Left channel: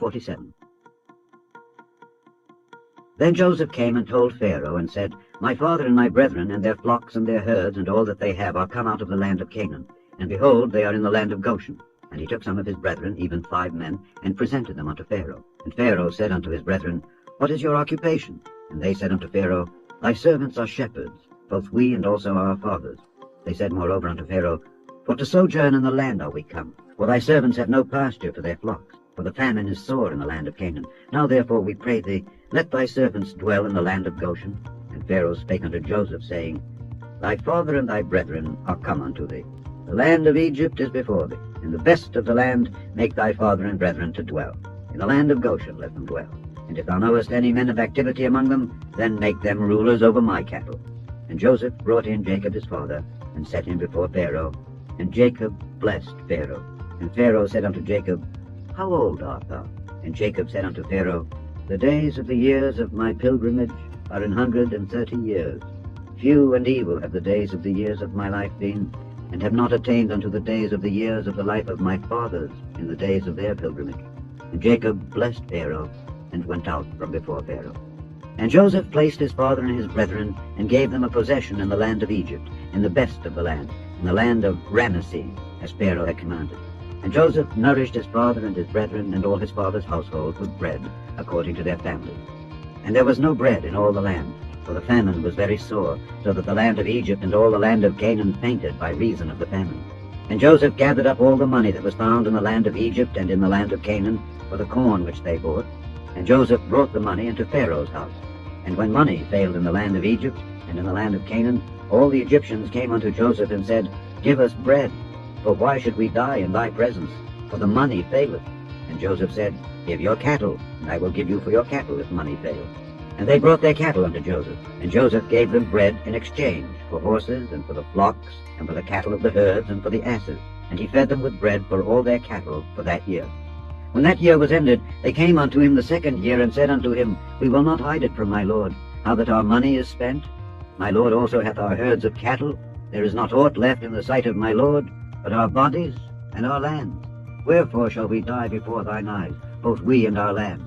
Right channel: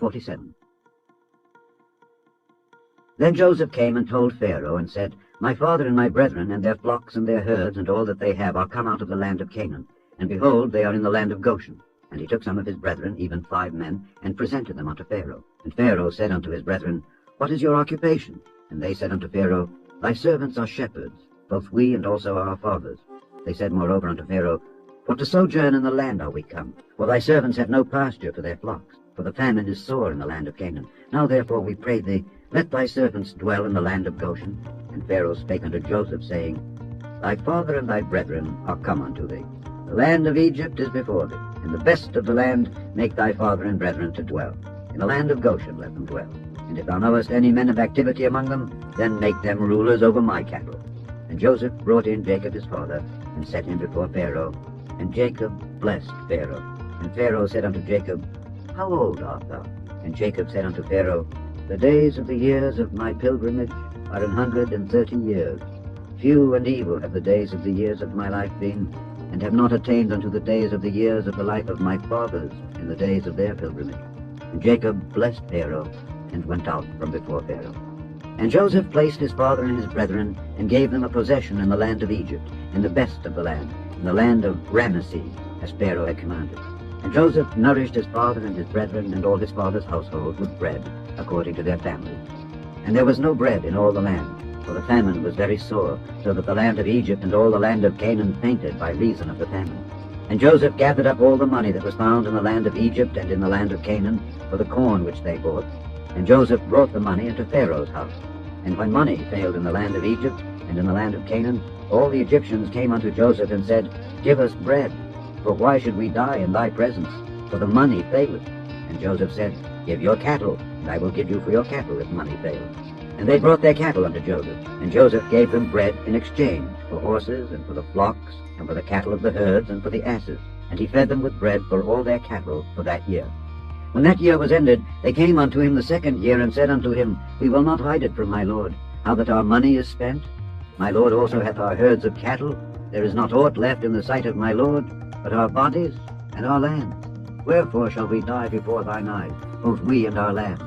47. Then Joseph came and told Pharaoh, and said, My father and my brethren, and their flocks and their herds, and all that they have, are come out of the land of Canaan. And behold, they are in the land of Goshen. And he took some of his brethren, even 5 men, and presented them unto Pharaoh. And Pharaoh said unto his brethren, What is your occupation? And they said unto Pharaoh, Thy servants are shepherds, both we and also our fathers. They said moreover unto Pharaoh, For to sojourn in the land are we come, for thy servants have no pasture for their flocks, for the famine is sore in the land of Canaan. Now therefore we pray thee, let thy servants dwell in the land of Goshen. And Pharaoh spake unto Joseph, saying, Thy father and thy brethren are come unto thee. The land of Egypt is before thee. In the best of the land make thy father and brethren to dwell. In the land of Goshen let them dwell. And if thou knowest any men of activity among them, then make them rulers over my cattle. And Joseph brought in Jacob his father, and set him before Pharaoh. And Jacob blessed Pharaoh. And Pharaoh said unto Jacob, How old art thou? And Jacob said unto Pharaoh, The days of the years of my pilgrimage are 130 years. Few and evil have the days of the years of my life been, and have not attained unto the days of the years of the life of my fathers in the days of their pilgrimage. And Jacob blessed Pharaoh, and went out from before Pharaoh. And Joseph placed his father and his brethren, and gave them a possession in the land of Egypt, in the best of the land, in the land of Ramesses, as Pharaoh had commanded. And Joseph nourished his father and his brethren and all his father's household with bread, according to their families. And there was no bread in all the land, for the famine was very sore, so that the land of Egypt and all the land of Canaan fainted by reason of the famine. And Joseph gathered up all the money that was found in the land of Egypt and in the land of Canaan, for the corn which they bought. And Joseph brought the money into Pharaoh's house. And when money failed in the land of Egypt and in the land of Canaan, all the Egyptians came unto Joseph and said, Give us bread, for why should we die in thy presence? For the money faileth. And Joseph said, Give your cattle, and I will give you for your cattle if money fail. And they brought their cattle unto Joseph, and Joseph gave them bread in exchange for horses, and for the flocks, and for the cattle of the herds, and for the asses. And he fed them with bread for all their cattle for that year. When that year was ended, they came unto him the 2nd year, and said unto him, We will not hide it from my lord, how that our money is spent. My lord also hath our herds of cattle. There is not aught left in the sight of my lord, but our bodies and our lands. Wherefore shall we die before thine eyes, both we and our land?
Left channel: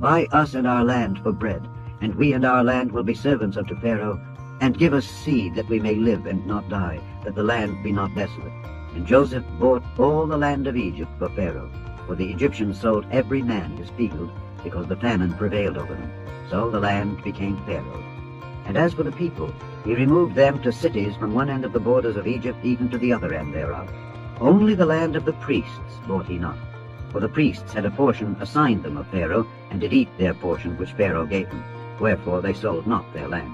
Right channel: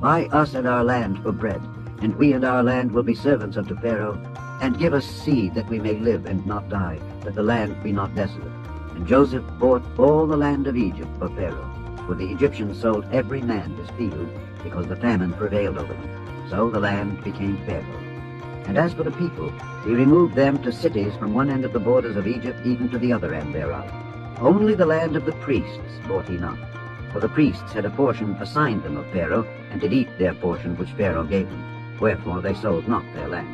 Buy us and our land for bread, and we and our land will be servants unto Pharaoh, and give us seed that we may live and not die, that the land be not desolate. And Joseph bought all the land of Egypt for Pharaoh, for the Egyptians sold every man his field, because the famine prevailed over them. So the land became Pharaoh. And as for the people, he removed them to cities from one end of the borders of Egypt even to the other end thereof. Only the land of the priests bought he not, for the priests had a portion assigned them of Pharaoh, and did eat their portion which Pharaoh gave them. Wherefore they sold not their land.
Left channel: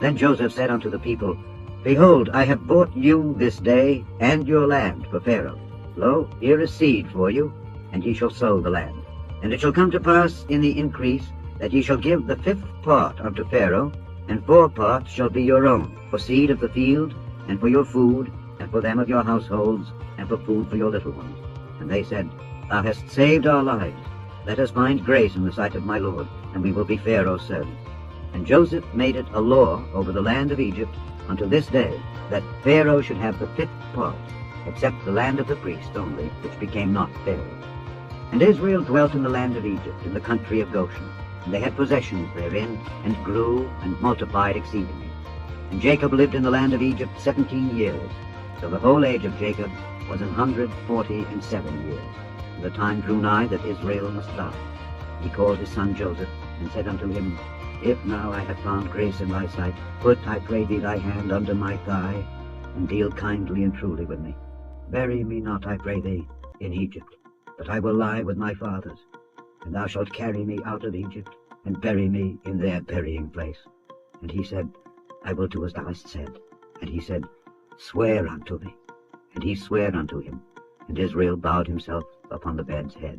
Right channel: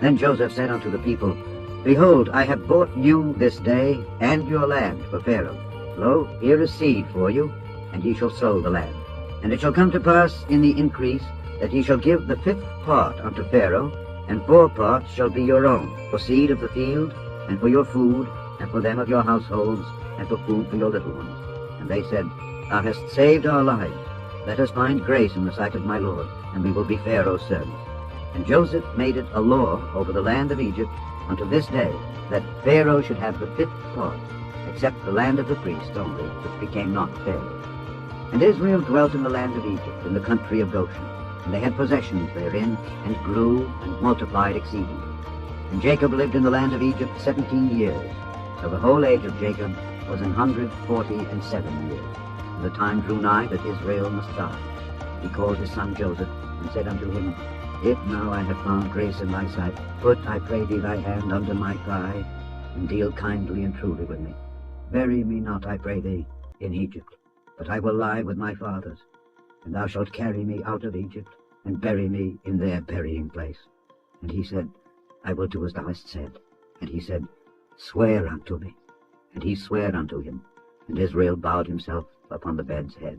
Then Joseph said unto the people, Behold, I have bought you this day and your land for Pharaoh. Lo, here is seed for you, and ye shall sow the land. And it shall come to pass in the increase, that ye shall give the 5th part unto Pharaoh, and 4 parts shall be your own, for seed of the field, and for your food, and for them of your households, and for food for your little ones. And they said, Thou hast saved our lives. Let us find grace in the sight of my lord, and we will be Pharaoh's servants. And Joseph made it a law over the land of Egypt unto this day, that Pharaoh should have the 5th part, except the land of the priests only, which became not Pharaoh. And Israel dwelt in the land of Egypt, in the country of Goshen. And they had possessions therein, and grew and multiplied exceedingly. And Jacob lived in the land of Egypt 17 years. So the whole age of Jacob was 147 years. And the time drew nigh that Israel must die. He called his son Joseph, and said unto him, If now I have found grace in thy sight, put, I pray thee, thy hand under my thigh, and deal kindly and truly with me. Bury me not, I pray thee, in Egypt, but I will lie with my fathers. And thou shalt carry me out of Egypt, and bury me in their burying place. And he said, I will do as thou hast said. And he said, Swear unto me. And he sware unto him. And Israel bowed himself upon the bed's head.